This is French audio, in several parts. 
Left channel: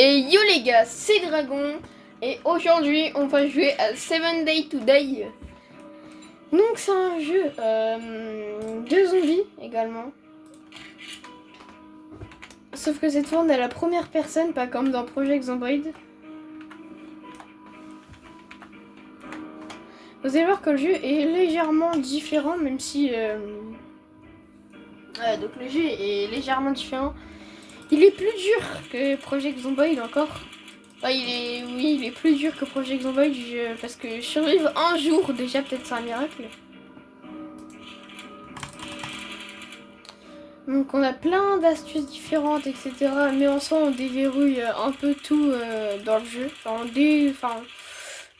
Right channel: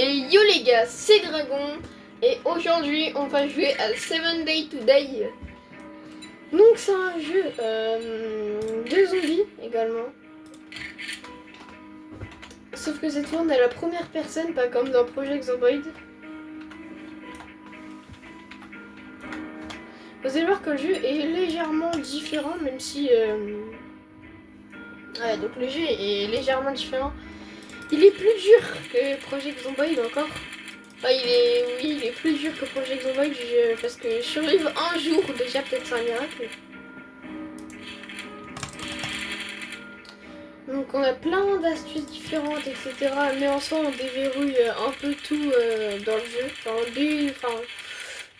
Et yo les gars, c'est Dragon et aujourd'hui on va jouer à 7 Days to Die. Donc c'est un jeu de zombies également. Sauf que cette fois on est à la première personne, pas comme dans Project Zomboid. Vous allez voir que le jeu est légèrement différent, même si... donc le jeu est légèrement différent. Il est plus dur que Project Zomboid encore. Enfin, il est plus dur que Project Zomboid parce que survivre un jour déjà peut-être c'est un miracle. Donc on a plein d'astuces différentes, etc. Mais en soi on déverrouille un peu tout dans le jeu.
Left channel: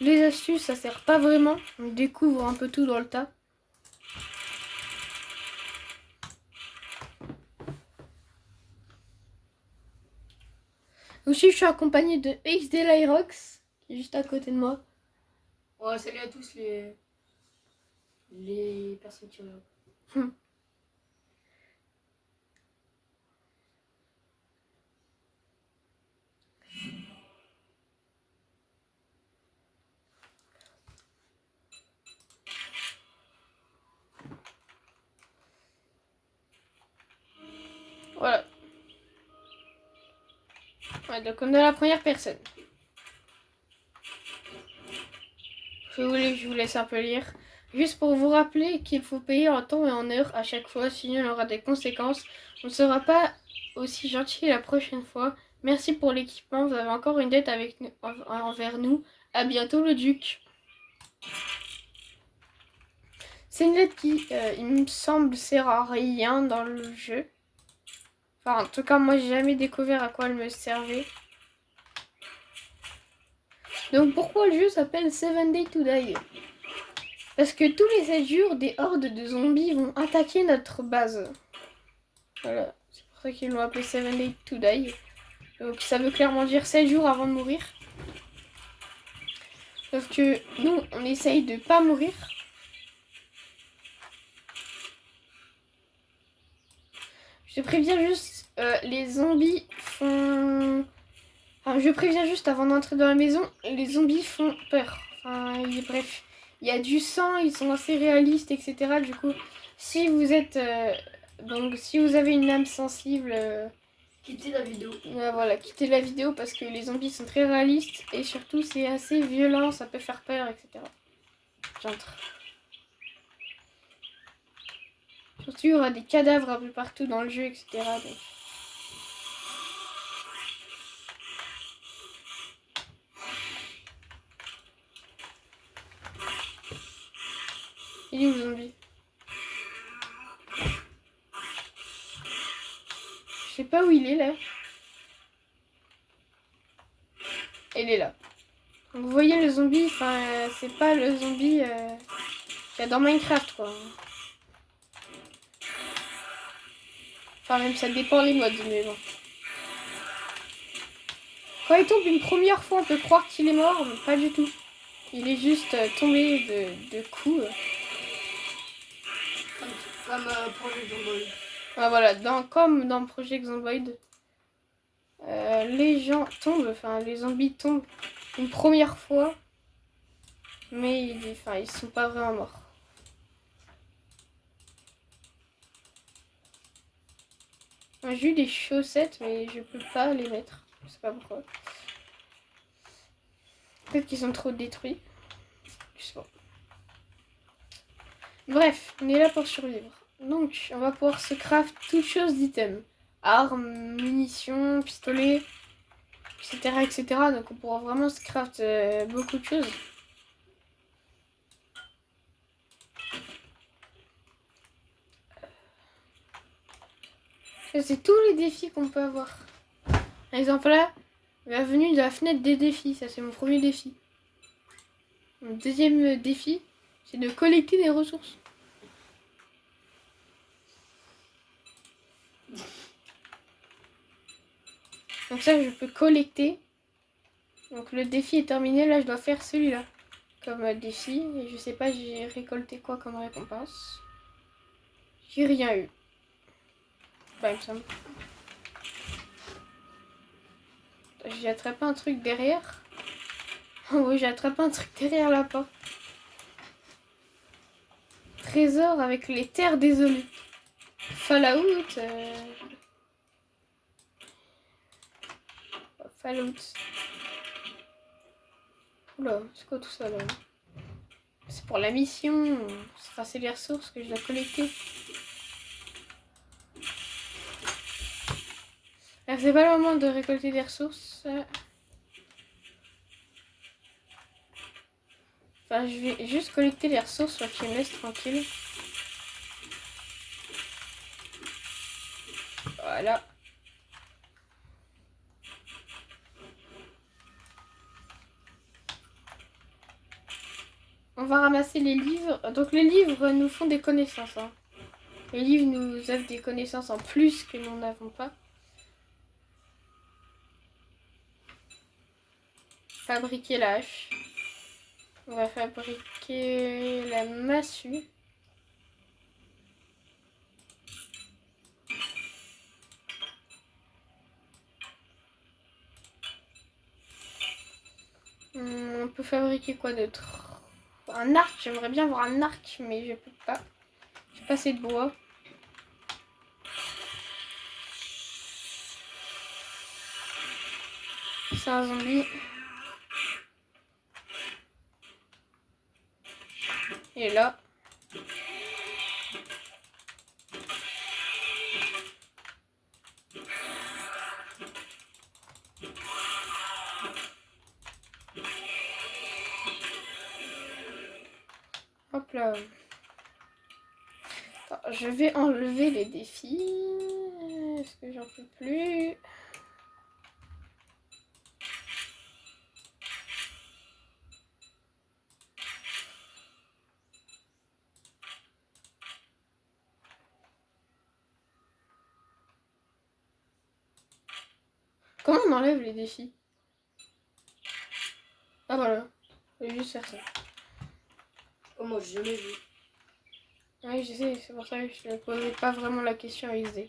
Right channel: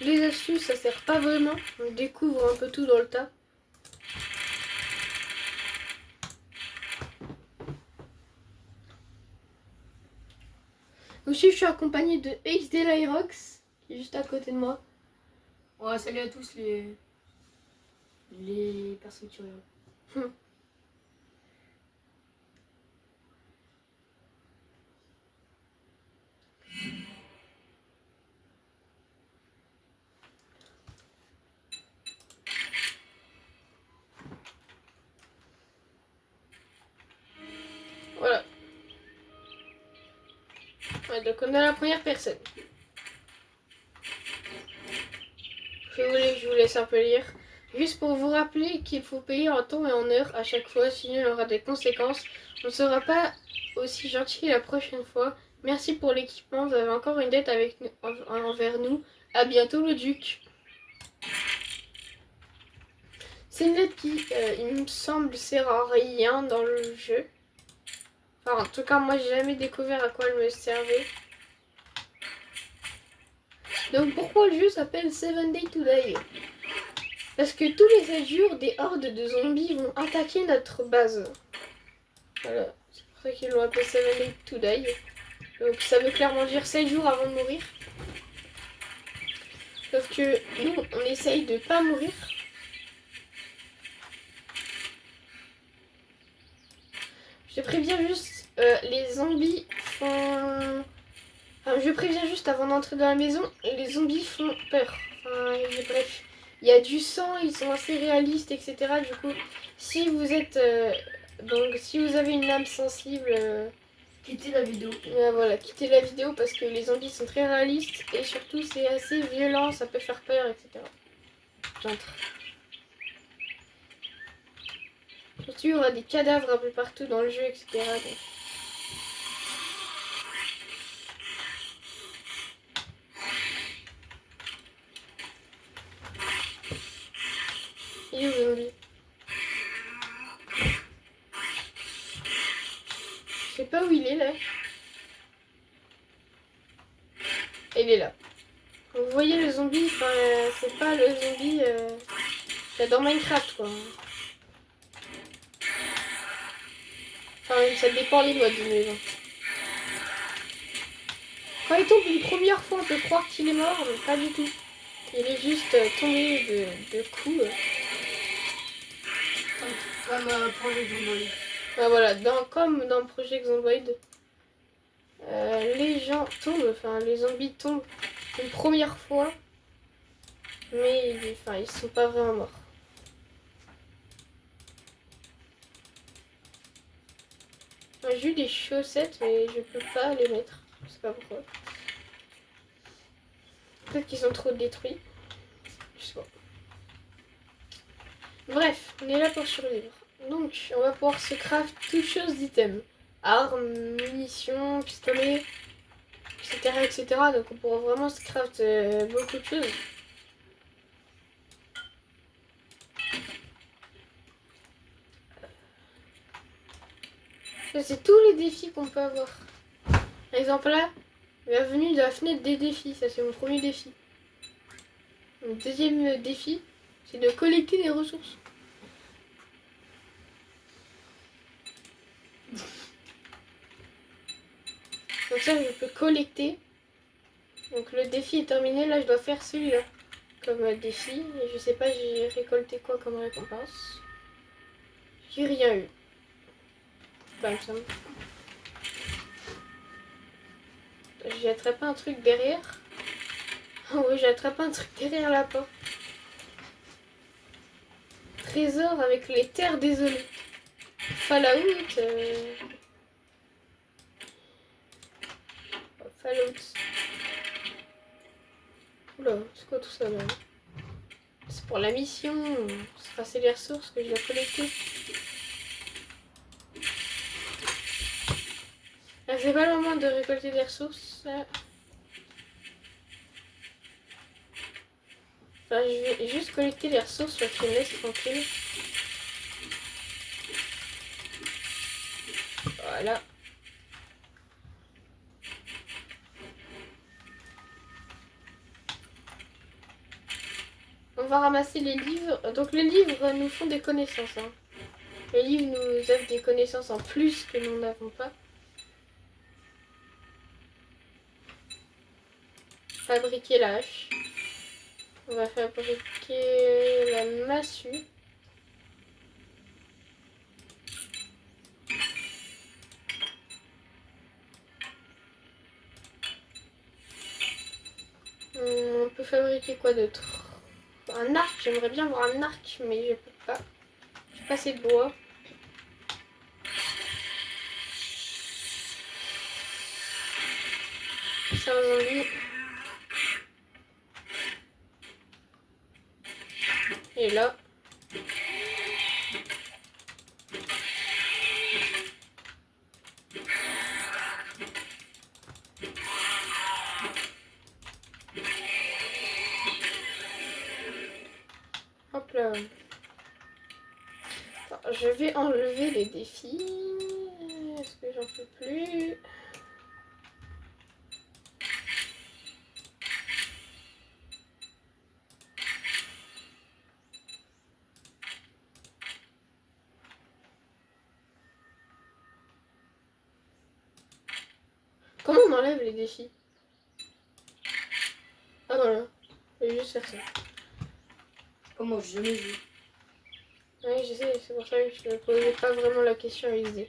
Les astuces ça sert pas vraiment. On découvre un peu tout dans le tas. Aussi je suis accompagné de XD Lyrox qui est juste à côté de moi. Ouais, salut à tous les personnes qui regardent. Voilà. Ouais, donc on est la première personne. Si vous voulez, je vous laisse un peu lire. Juste pour vous rappeler qu'il faut payer en temps et en heure à chaque fois, sinon il y aura des conséquences. On ne sera pas aussi gentil la prochaine fois. Merci pour l'équipement, vous avez encore une dette avec nous, envers nous. À bientôt le duc. C'est une lettre qui, il me semble, sert à rien dans le jeu. Enfin, en tout cas, moi j'ai jamais découvert à quoi elle me servait. Donc pourquoi le jeu s'appelle 7 Days to Die? Parce que tous les 7 jours, des hordes de zombies vont attaquer notre base. Voilà, c'est pour ça qu'ils l'ont appelé 7 Days to Die. Donc ça veut clairement dire 7 jours avant de mourir. Sauf que nous, on essaye de pas mourir. Je préviens juste, les zombies font... Enfin, je préviens juste avant d'entrer dans la maison, les zombies font peur. Enfin, bref, il y a du sang, ils sont assez réalistes, etc. Du coup, si vous êtes... donc si vous avez une âme sensible... Quittez la vidéo. Voilà, quittez la vidéo parce que les zombies sont très réalistes et surtout c'est assez violent, ça peut faire peur, etc. J'entre. Surtout il y aura des cadavres un peu partout dans le jeu, etc. Donc... Il est où le zombie? Je sais pas où il est là. Il est là. Vous voyez le zombie, enfin c'est pas le zombie qu'il y a dans Minecraft quoi. Enfin même ça dépend les modes mais bon. Quand il tombe une première fois on peut croire qu'il est mort mais pas du tout. Il est juste tombé de coups. Comme Project Zomboid. Ah, voilà, comme dans Project Zomboid, les gens tombent, enfin les zombies tombent une première fois, mais ils sont pas vraiment morts. J'ai eu des chaussettes, mais je peux pas les mettre. Je sais pas pourquoi. Peut-être qu'ils sont trop détruits. Je sais pas. Bref, on est là pour survivre. Donc, on va pouvoir se craft toutes choses d'items. Armes, munitions, pistolets, etc., etc. Donc on pourra vraiment se craft beaucoup de choses. Ça, c'est tous les défis qu'on peut avoir. Par exemple là, bienvenue de la fenêtre des défis. Ça c'est mon premier défi. Mon deuxième défi, c'est de collecter des ressources. Donc ça je peux collecter. Donc le défi est terminé, là je dois faire celui-là comme défi. Et je sais pas j'ai récolté quoi comme récompense. J'ai rien eu. Bah il me semble. j'ai attrapé un truc derrière. Oh oui, j'ai attrapé un truc derrière la porte. Trésor avec les terres désolées. Fallout. Fallout. Oula, c'est quoi tout ça là? C'est pour la mission. C'est les ressources que je dois collecter. C'est pas le moment de récolter des ressources. Enfin, je vais juste collecter les ressources pour qu'ils me laissent tranquille. Voilà. On va ramasser les livres. Donc les livres nous font des connaissances. Hein. Les livres nous offrent des connaissances en plus que nous n'avons pas. Fabriquer la hache. On va fabriquer la massue. On peut fabriquer quoi d'autre? Un arc, j'aimerais bien avoir un arc, mais je peux pas. J'ai pas assez de bois. C'est un zombie. Et là. Hop là. Attends, je vais enlever les défis. Est-ce que j'en peux plus? Comment on enlève les défis? Ah voilà. Je vais juste faire ça. Oh, moi, j'ai jamais vu. Oui, je sais, c'est pour ça que je ne posais pas vraiment la question à XD.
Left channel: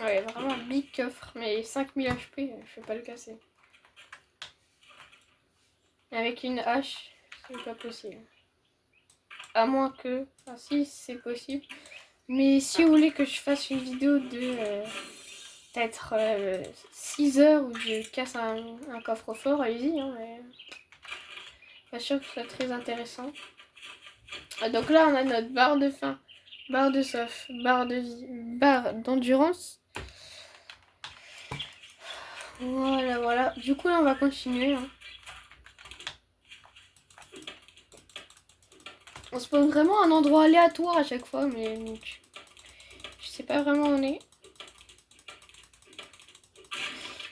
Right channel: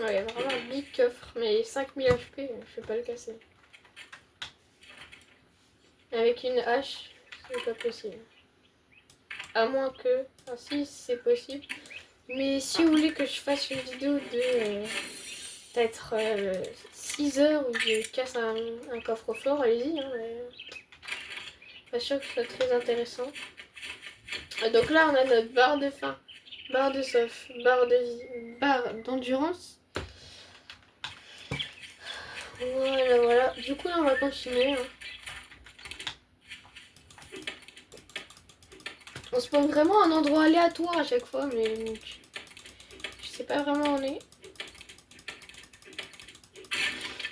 Ouais, vraiment un big coffre, mais 5000 HP, je peux pas le casser. Avec une hache, c'est pas possible. À moins que... Ah si, c'est possible. Mais si vous voulez que je fasse une vidéo de peut-être 6 heures où je casse un coffre-fort, allez-y. Hein, mais... Pas sûr que ce soit très intéressant. Donc là, on a notre barre de faim, barre de soif, barre de vie, barre d'endurance. Voilà, voilà. Du coup, là, on va continuer. Hein. On se pose vraiment un endroit aléatoire à chaque fois, mais je sais pas vraiment où on est.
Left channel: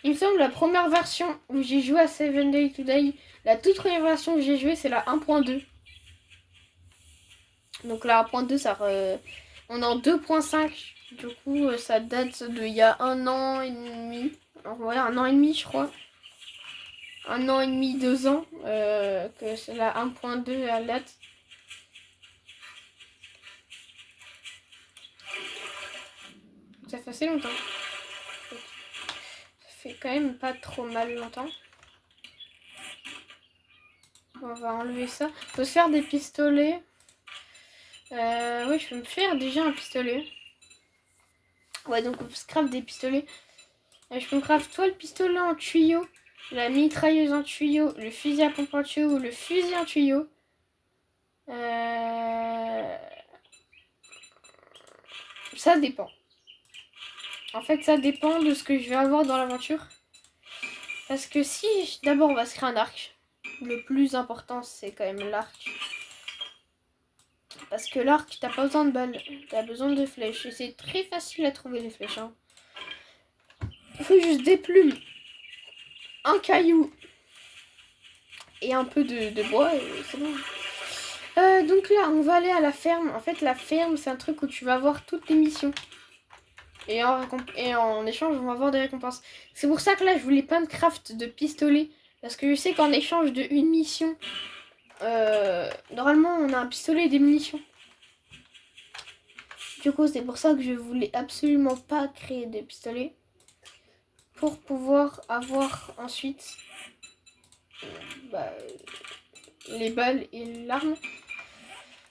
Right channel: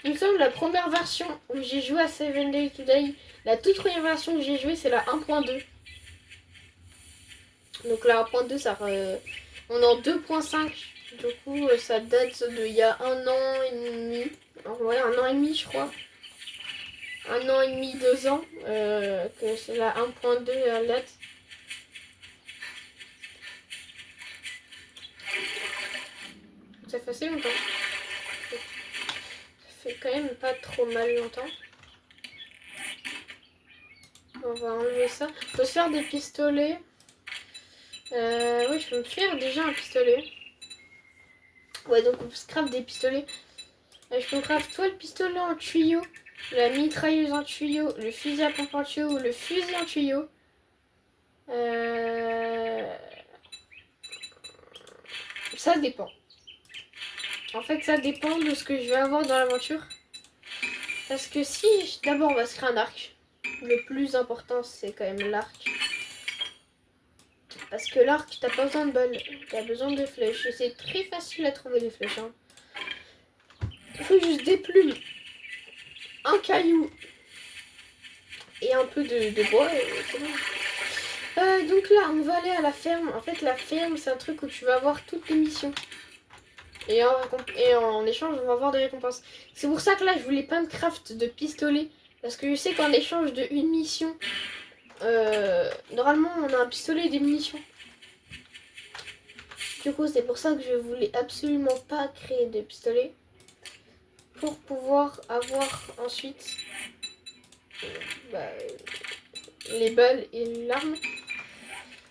Il me semble la première version où j'ai joué à 7 Days to Die, la toute première version que j'ai joué, c'est la 1.2. Donc la 1.2, ça on est en 2.5. Du coup, ça date d'il y a 1 an et demi. Ouais, 1 an et demi, je crois. 1 an et demi, 2 ans. Que c'est la 1.2 à date. Ça fait assez longtemps. Ça fait quand même pas trop mal longtemps. On va enlever ça. On peut se faire des pistolets. Oui, je peux me faire déjà un pistolet. Ouais, donc on se craft des pistolets. Je peux me craft soit le pistolet en tuyau, la mitrailleuse en tuyau, le fusil à pompe en tuyau ou le fusil en tuyau. Ça dépend. En fait, ça dépend de ce que je vais avoir dans l'aventure. Parce que si, d'abord, on va se créer un arc. Le plus important, c'est quand même l'arc. Parce Parce que l'arc, t'as pas besoin de balles, t'as besoin de flèches. Et c'est très facile à trouver les flèches. Hein. Il faut juste des plumes, un caillou et un peu de bois et c'est bon. Donc là, on va aller à la ferme. En fait, la ferme, c'est un truc où tu vas avoir toutes les missions. Et en échange, on va avoir des récompenses. C'est pour ça que là, je voulais pas me craft de pistolet. Parce que je sais qu'en échange de une mission, normalement, on a un pistolet et des munitions. Du coup, c'est pour ça que je voulais absolument pas créer de pistolet. Pour pouvoir avoir ensuite les balles et l'arme.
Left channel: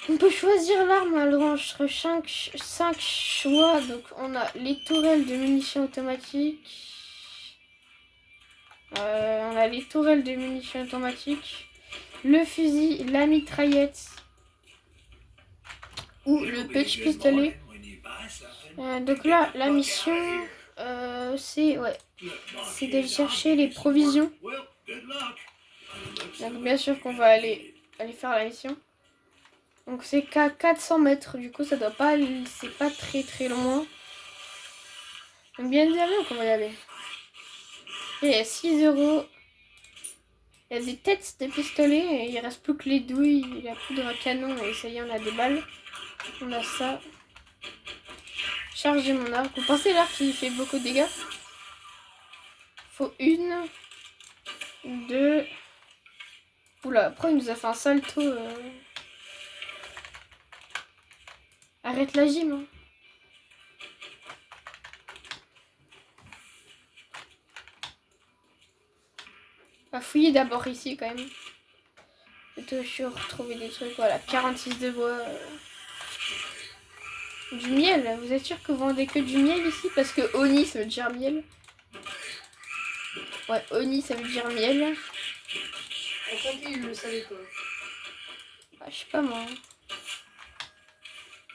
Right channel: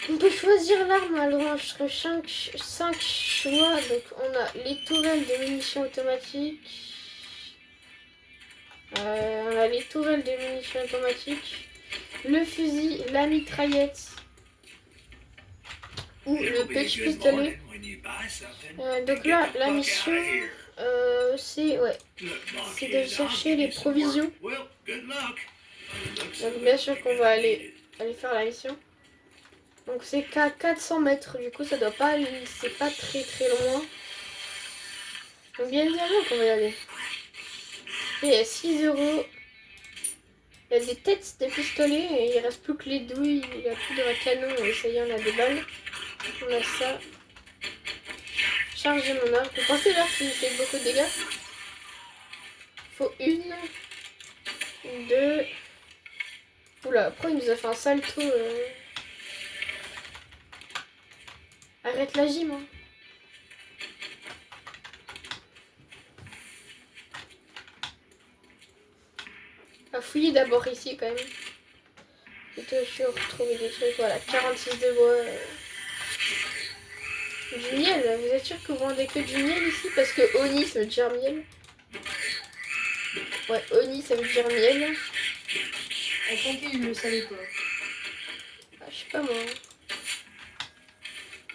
On peut choisir l'arme entre 5 choix. Donc on a les tourelles de munitions automatiques. On a les tourelles de munitions automatiques. Le fusil, la mitraillette. Ou le petit pistolet. Donc là, la mission, c'est de chercher les provisions. Donc bien sûr qu'on va aller faire la mission. Donc c'est qu'à 400 mètres, du coup ça doit pas aller, c'est pas très très loin. Donc bien évidemment qu'on va y aller. Et il y a 6 euros. Il y a des têtes de pistolet et il reste plus que les douilles, il y a plus de canon et ça y est on a des balles. On a ça. Charger mon arc. Vous pensez l'arc qui fait beaucoup de dégâts? Faut une, deux. Oula, après il nous a fait un salto. Arrête la gym. Hein. On va fouiller d'abord ici quand même. Faut toujours trouver des trucs. Voilà, 46 de bois. Du miel. Vous êtes sûr que vous vendez que du miel ici? Parce que Oni ça veut dire miel. Ouais, Oni ça veut dire miel. Et tant qu'il le savait pas. Ah, je sais pas moi.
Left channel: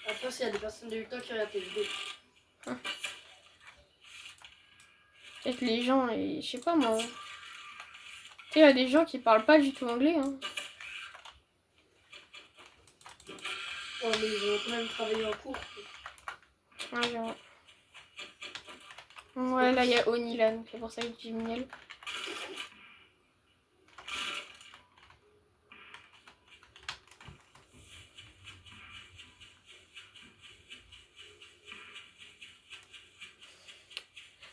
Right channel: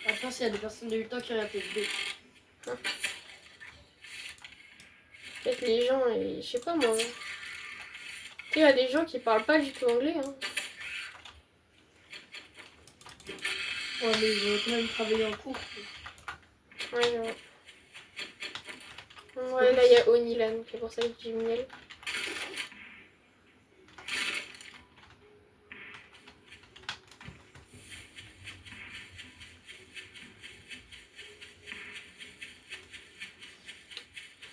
Après, s'il y a des personnes de 8 ans qui regardent tes vidéos. Peut-être les gens, et je sais pas moi. Tu sais, il y a des gens qui parlent pas du tout anglais. Hein. Ouais, mais ils ont quand même travaillé en cours. Ouais, genre. Ouais, là il y a Onilan, c'est pour ça que je dis miel.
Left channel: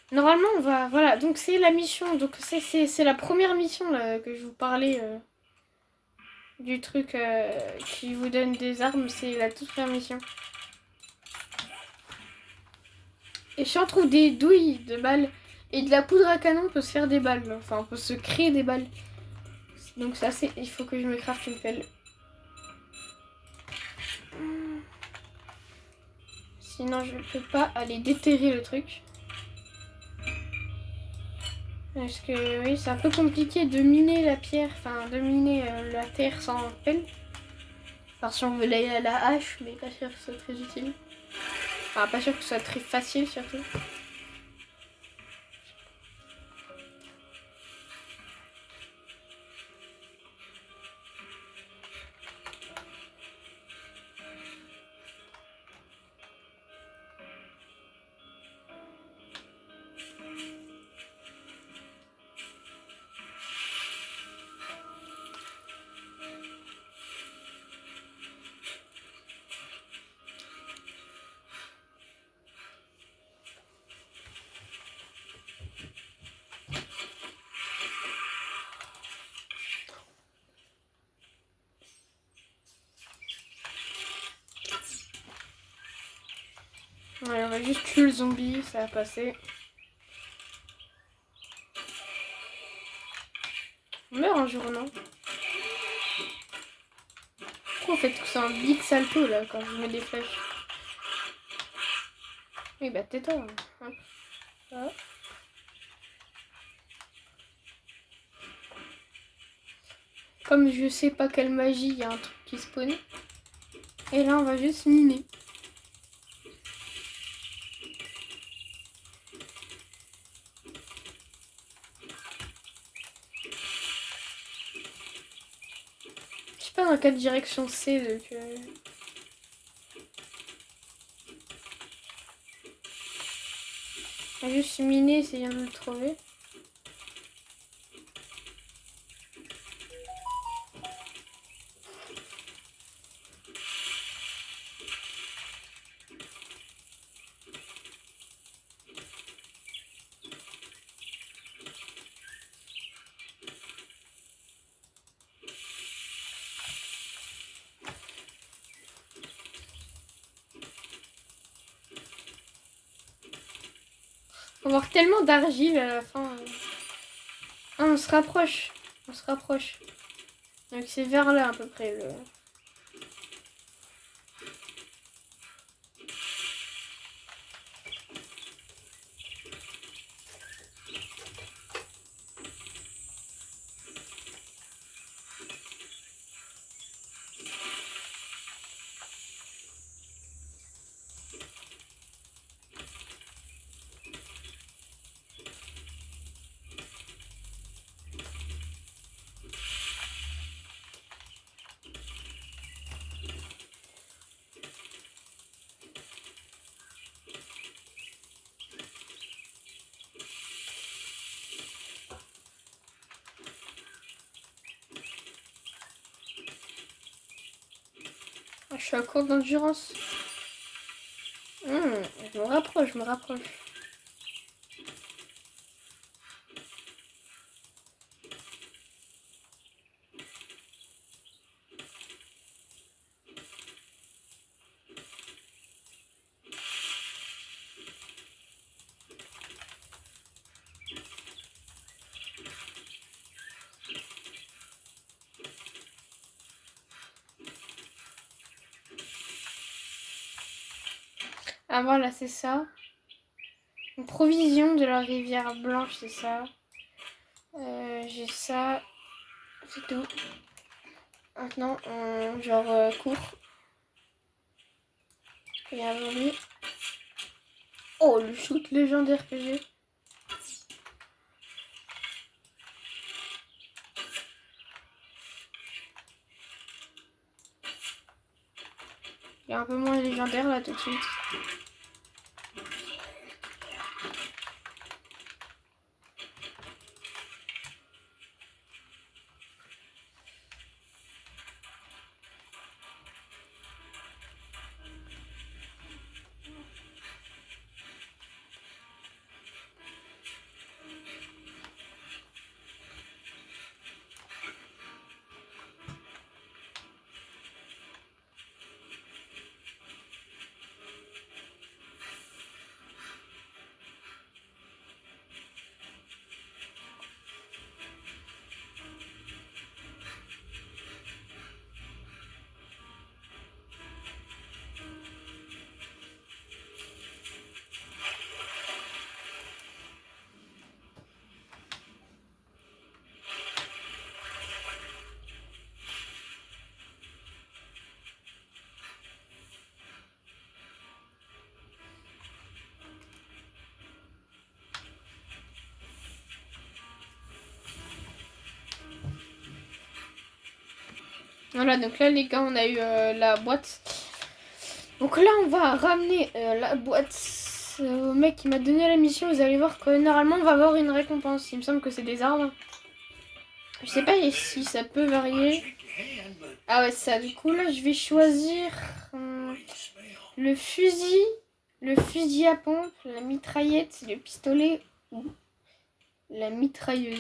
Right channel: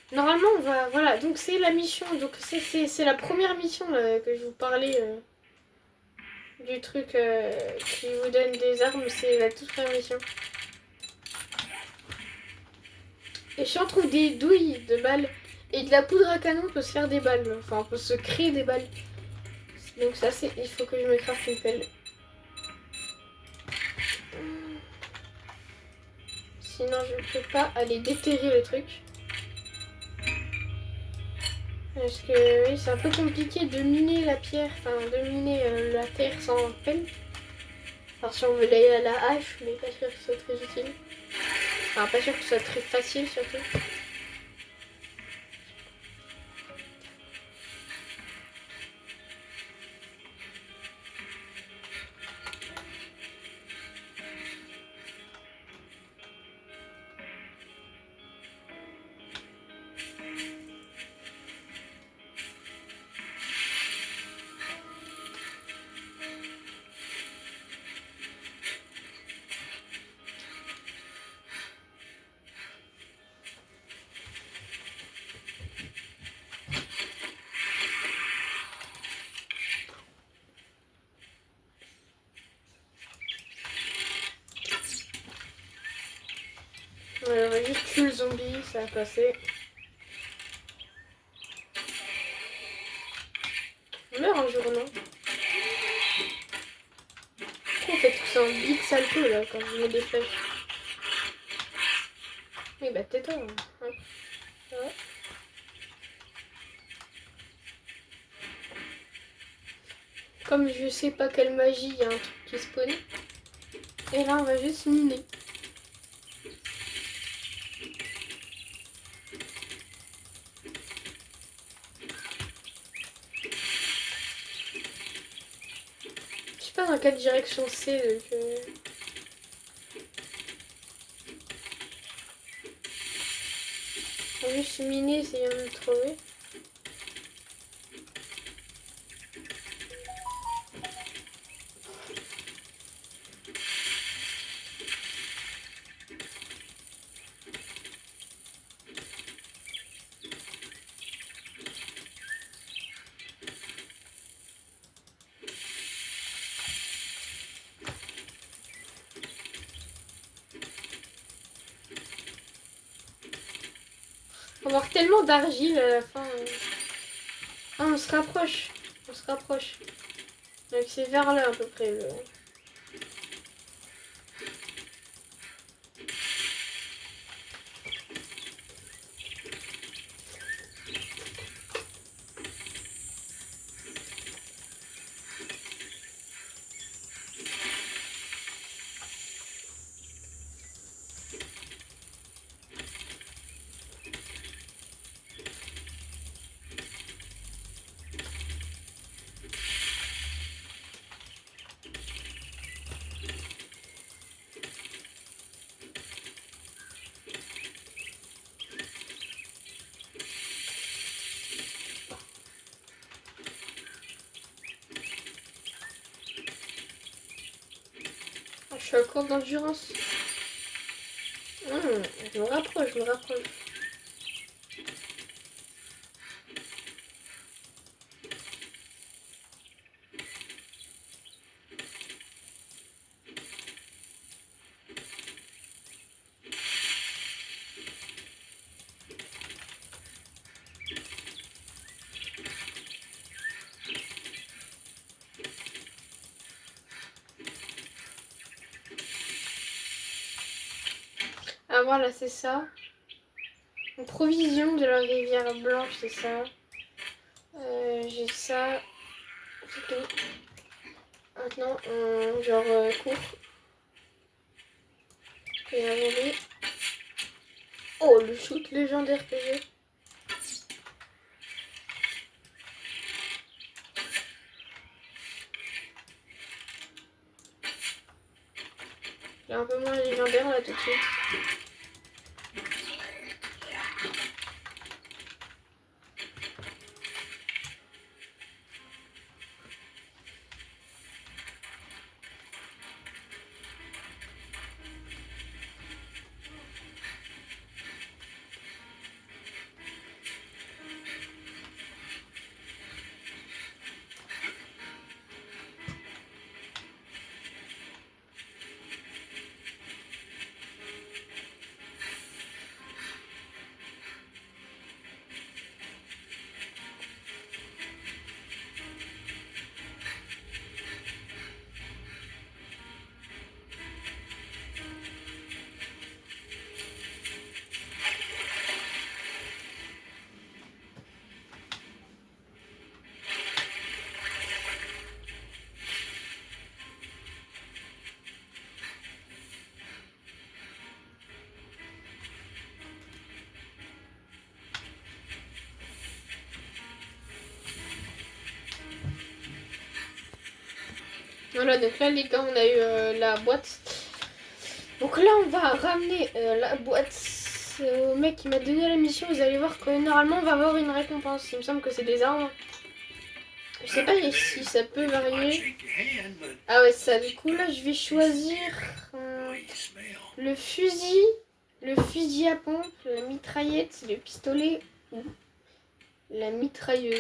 Normalement, on va... Voilà, donc c'est la mission. Donc c'est la première mission là, que je vous parlais du truc qui vous donne des armes. C'est la toute première mission. Et si on trouve des douilles de balles et de la poudre à canon, on peut se faire des balles. Enfin, on peut se créer des balles. Donc ça, c'est... Il faut que je me craft une pelle. Sinon, je peux pas aller déterrer le truc. Parce que oui, c'est un peu compliqué de miner la pierre, enfin de miner la terre sans pelle. Alors si on veut la hache, mais pas sûr que ce soit très utile. Enfin, pas sûr que ce soit très facile surtout. Ouais, on va juste tuer le zombie, ça va passer. On meurt un jour, non? Pourquoi on fait tout ça un big salto là quand je mets des flèches? Oui, bah tais-toi. Hop. Voilà. Comme je sais pas quelle magie, il y a un truc qui spawn. Et là, on va juste miner. Je sais pas dans quelle direction c'est, donc... On va juste miner, essayons de le trouver. On va avoir tellement d'argile à la fin. Ah, on se rapproche. On se rapproche. Donc c'est vers là à peu près. Je suis à court d'endurance. Je me rapproche, je me rapproche. Ah voilà, c'est ça. Une provision de la rivière blanche, c'est ça. J'ai ça. C'est tout. Maintenant, cours. Et un joli. Oh, le shoot légendaire que j'ai. Il est un peu moins légendaire là tout de suite. Voilà, donc là les gars, on a eu la boîte. Donc là, on va ramener la boîte au mec qui m'a donné la mission. Vous allez voir que normalement, on va avoir une récompense. Il me semble que c'est des arbres. Je sais pas si ça peut varier. Ah ouais, ça. Du coup, là, je vais choisir le fusil à pompe, la mitraillette, le pistolet ou la mitrailleuse.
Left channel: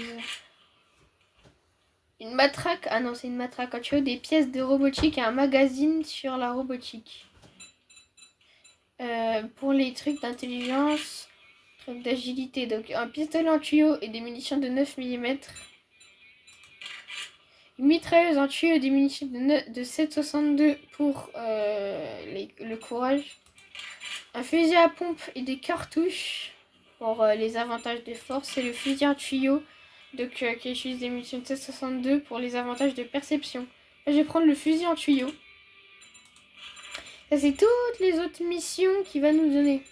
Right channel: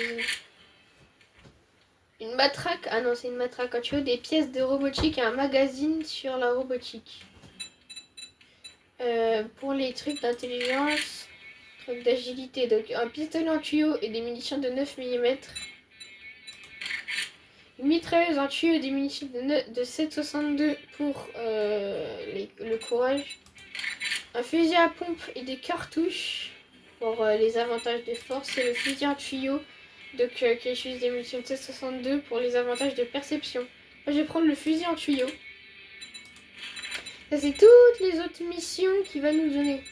Une matraque, ah non, c'est une matraque. Quand tu as des pièces de robotique et un magazine sur la robotique. Pour les trucs d'intelligence, trucs d'agilité, donc un pistolet en tuyau et des munitions de 9 mm. Une mitrailleuse en tuyau et des munitions de 7,62 pour le courage. Un fusil à pompe et des cartouches pour les avantages de force. Et le fusil en tuyau donc, qui utilise des munitions de 7,62 pour les avantages de perception. Là, je vais prendre le fusil en tuyau. Ça, c'est toutes les autres missions qu'il va nous donner.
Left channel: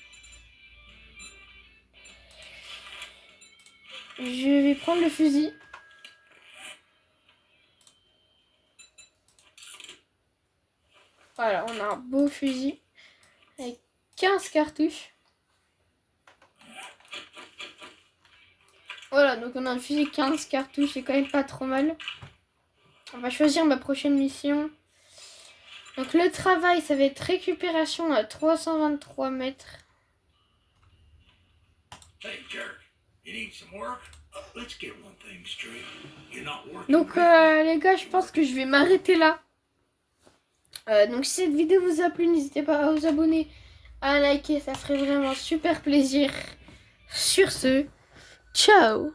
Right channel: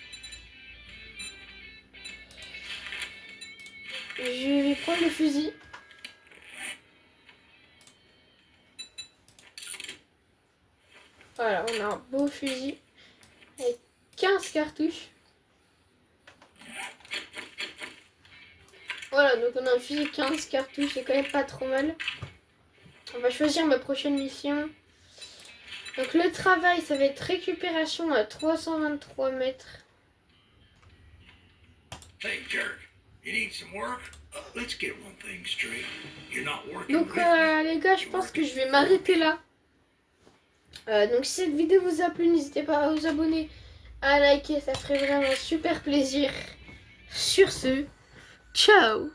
Je vais prendre le fusil. Voilà, on a un beau fusil avec 15 cartouches. Voilà, donc on a un fusil 15 cartouches, c'est quand même pas trop mal. On va choisir ma prochaine mission. Donc le travail, ça va être récupération à 323 mètres. Hey, jerk, you need some work? Let's get one thing straight. You're not working Donc with me. les gars, je pense que je vais m'arrêter là. Donc si cette vidéo vous a plu, n'hésitez pas à vous abonner, à liker, ça ferait vraiment super plaisir. Sur ce, ciao!